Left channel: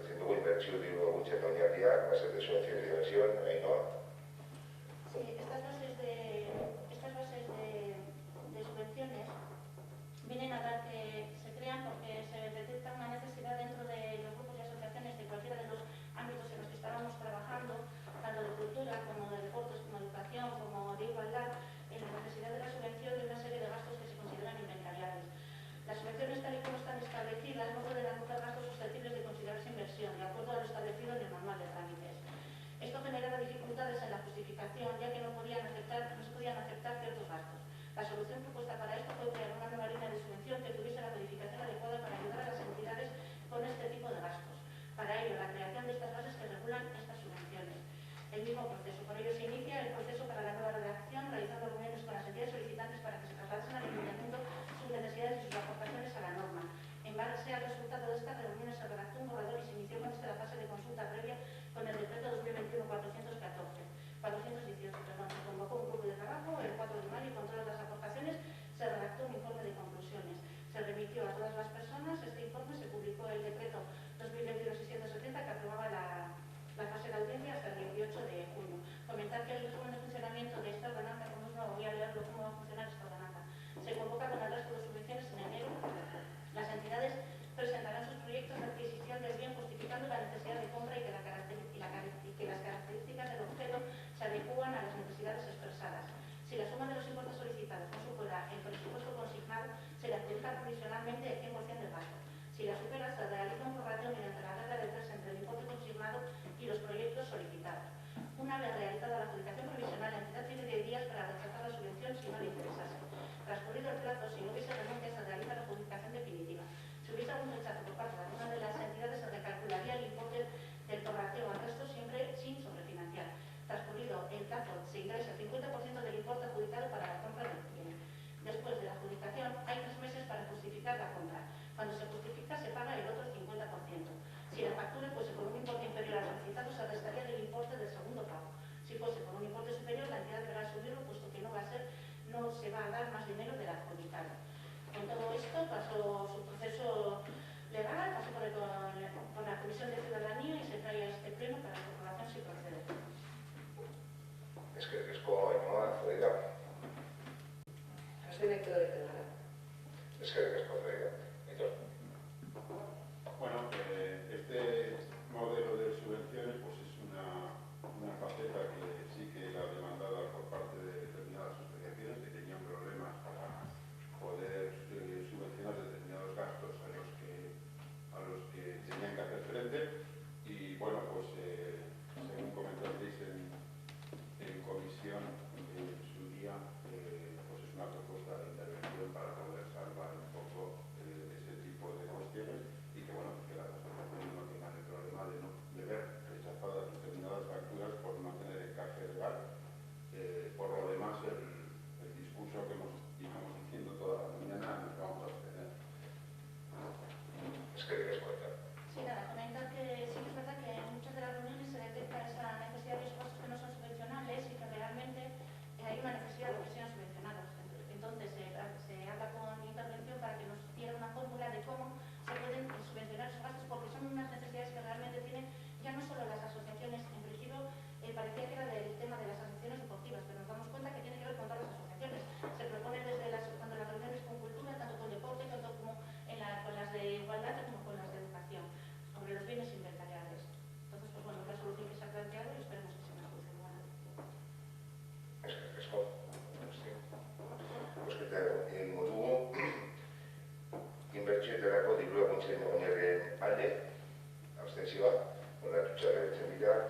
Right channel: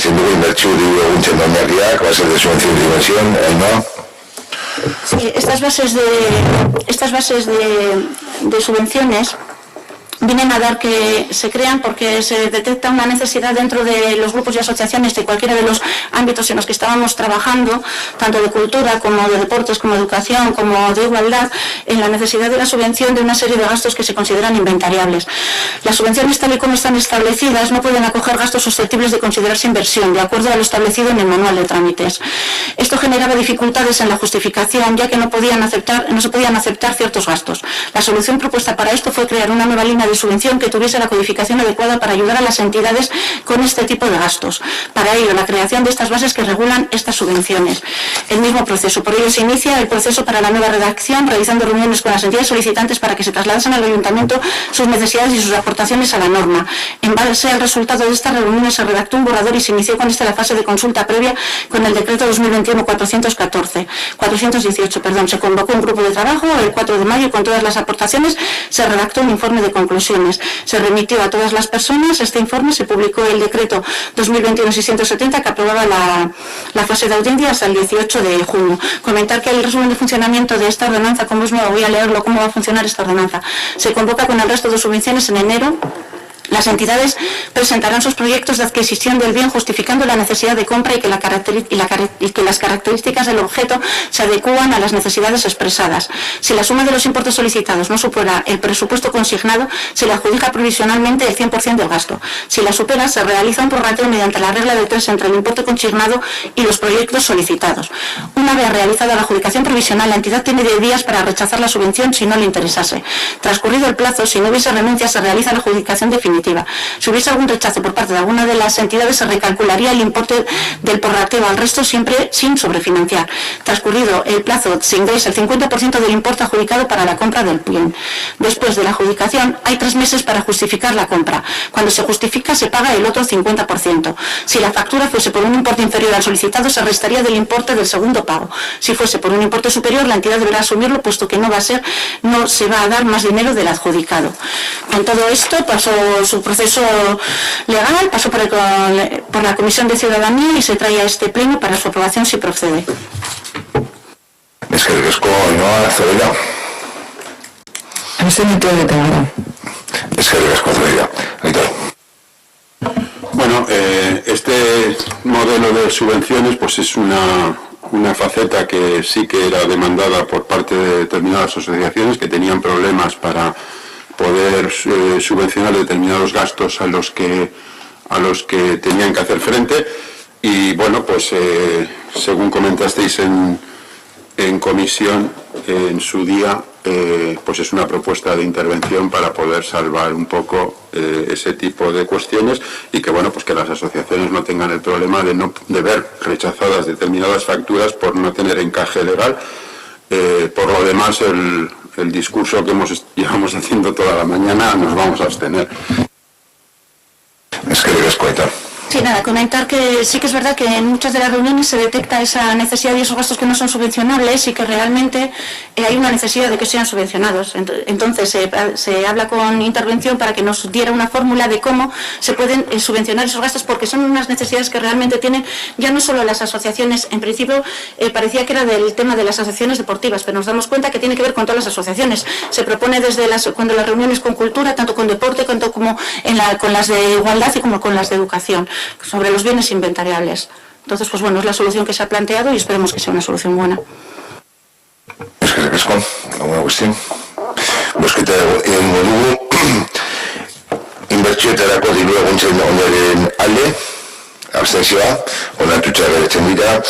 eskatzen dugu inbertsio diru laguntzen oinarriak, bases de subvención y dimensión, ¿no? Sí, estas bases de subvenciones vienen a dar que se crean porque se detecta una necesidad dentro de los grupos y asociaciones de cualquiera de los ámbitos en los que estábamos trabajando, tanto de cultura como de deportes, como de educación, como de igualdad, en la necesidad de la subvención de una serie de gastos que se consideran inventariables. Las subvenciones, tal y como están establecidas, no pueden acoger gastos susceptibles de considerarse inversión, de acuerdo a lo establecido en el manual de trámites. Esto generaba dificultades en la justificación, ya que no se podían aceptar ciertos gastos. La solución propuesta para esto fue crear una nueva línea de subvención que tuviese la codificación adecuada para ayudar a las entidades con este tipo de gastos. Para ello, la creación de estas bases que regulan estas subvenciones. El mismo proceso. Por ello, se inicia el proceso para la nueva redacción, realizando reuniones con las entidades solicitantes para que se trasladasen al ayuntamiento sus necesidades y sus aportaciones a la norma. En base al resultado de estas reuniones, se redactó un borrador y se inició con esta la fase de consulta previa con el decreto 2021-418. Se convocó un grupo de trabajo el 4 de mayo y con todas las aportaciones se redactó un informe de conclusiones. Se remitió a todas las personas este informe, se publicó el decreto 2021-670 que aprobaba la fase de audiencia hasta el 18 de junio. Comentar que el resumen de funcionamiento de esta ordenanza, como es nuevo, voy a leerlo, cómo va a funcionar esta ordenanza. Se convoca con el resto de subvenciones en enero. Las entidades presentarán sus proyectos de adquisición del bien justificando la necesidad de compra y que las características del objeto se adecúan a las necesidades expresadas. Si la suma de los importes solicitados no supera el presupuesto consignado, se le adjudica provisionalmente el 100% del gasto. Si la supera, se realiza un prorrateo mediante la regla de 3 entre el importe consignado y los proyectos solicitados. Una vez realizada la adjudicación provisional, la entidad tiene 10 días para rechazar la subvención si no le interesase. Transcurrido el plazo, si no hubiese renuncia, se realiza la adjudicación definitiva. Si hubiese algún rechazo por parte de alguna de las entidades, se recalcularía el importe del prorrateo al resto, siempre sin sobrefinanciar. Transcurrido el plazo, se ingresa el 50% del importe adjudicado para la compra del bien. Después de la adjudicación, hay 3 meses para justificar la compra. Cuando se justifica, se paga el otro 50%. Si la factura fuese por un importe inferior al solicitado, se restaría del importe del segundo pago. Si fuese por un importe superior, la entidad deberá asumirlo, puesto que no se va a dar más dinero del adjudicado. Con todo esto, pasó su proceso legal, pasó por la Comisión de Ciudadanía y se trae a este pleno para su aprobación si procede. Es que riesgo no accederá. Es que riesgo accederá. Bueno, este modelo de subvenciones pues es una faceta que sí que era demandada por parte de determinadas asociaciones que tenían problemas para poder subvencionar determinados gastos a los que tenían que hacer frente. Y bueno, pues según comentasteis en comisión en su día, pues es una propuesta de intervención para poder salvar un poco ese tipo de cuestiones y que bueno, pues que las asociaciones no tengan el problema de ver rechazadas determinadas facturas por no tener encaje legal. Por lo demás, el discurso que llevamos haciendo toda la mañana nos vamos a abstener. Es que debes cuenta. Sí, nada, comentar que sí que es verdad que en muchas de las reuniones se detecta esa necesidad y esos gastos que no son subvencionables y que realmente hay una necesidad de que sean subvencionados. Entonces se habla con intervención para que nos diera una fórmula de cómo se pueden subvencionar esos gastos, porque son unas necesidades que realmente tienen ya no solo las asociaciones. En principio parecía que era del tema de las asociaciones deportivas, pero nos damos cuenta que tiene que ver con todas las asociaciones. Se propone desde cuando las reuniones con cultura, tanto con deporte, tanto como con las de igualdad y como con las de educación, sobre los bienes inventariables. Entonces, pues bueno, es la solución que se ha planteado y esperemos que sea una solución buena. Es que riesgo, alguna cuestión. Bozketa egingo dugu, inbertsioetarako diru laguntzen onaren alde, abstentzioa, onartuta geratzen dira,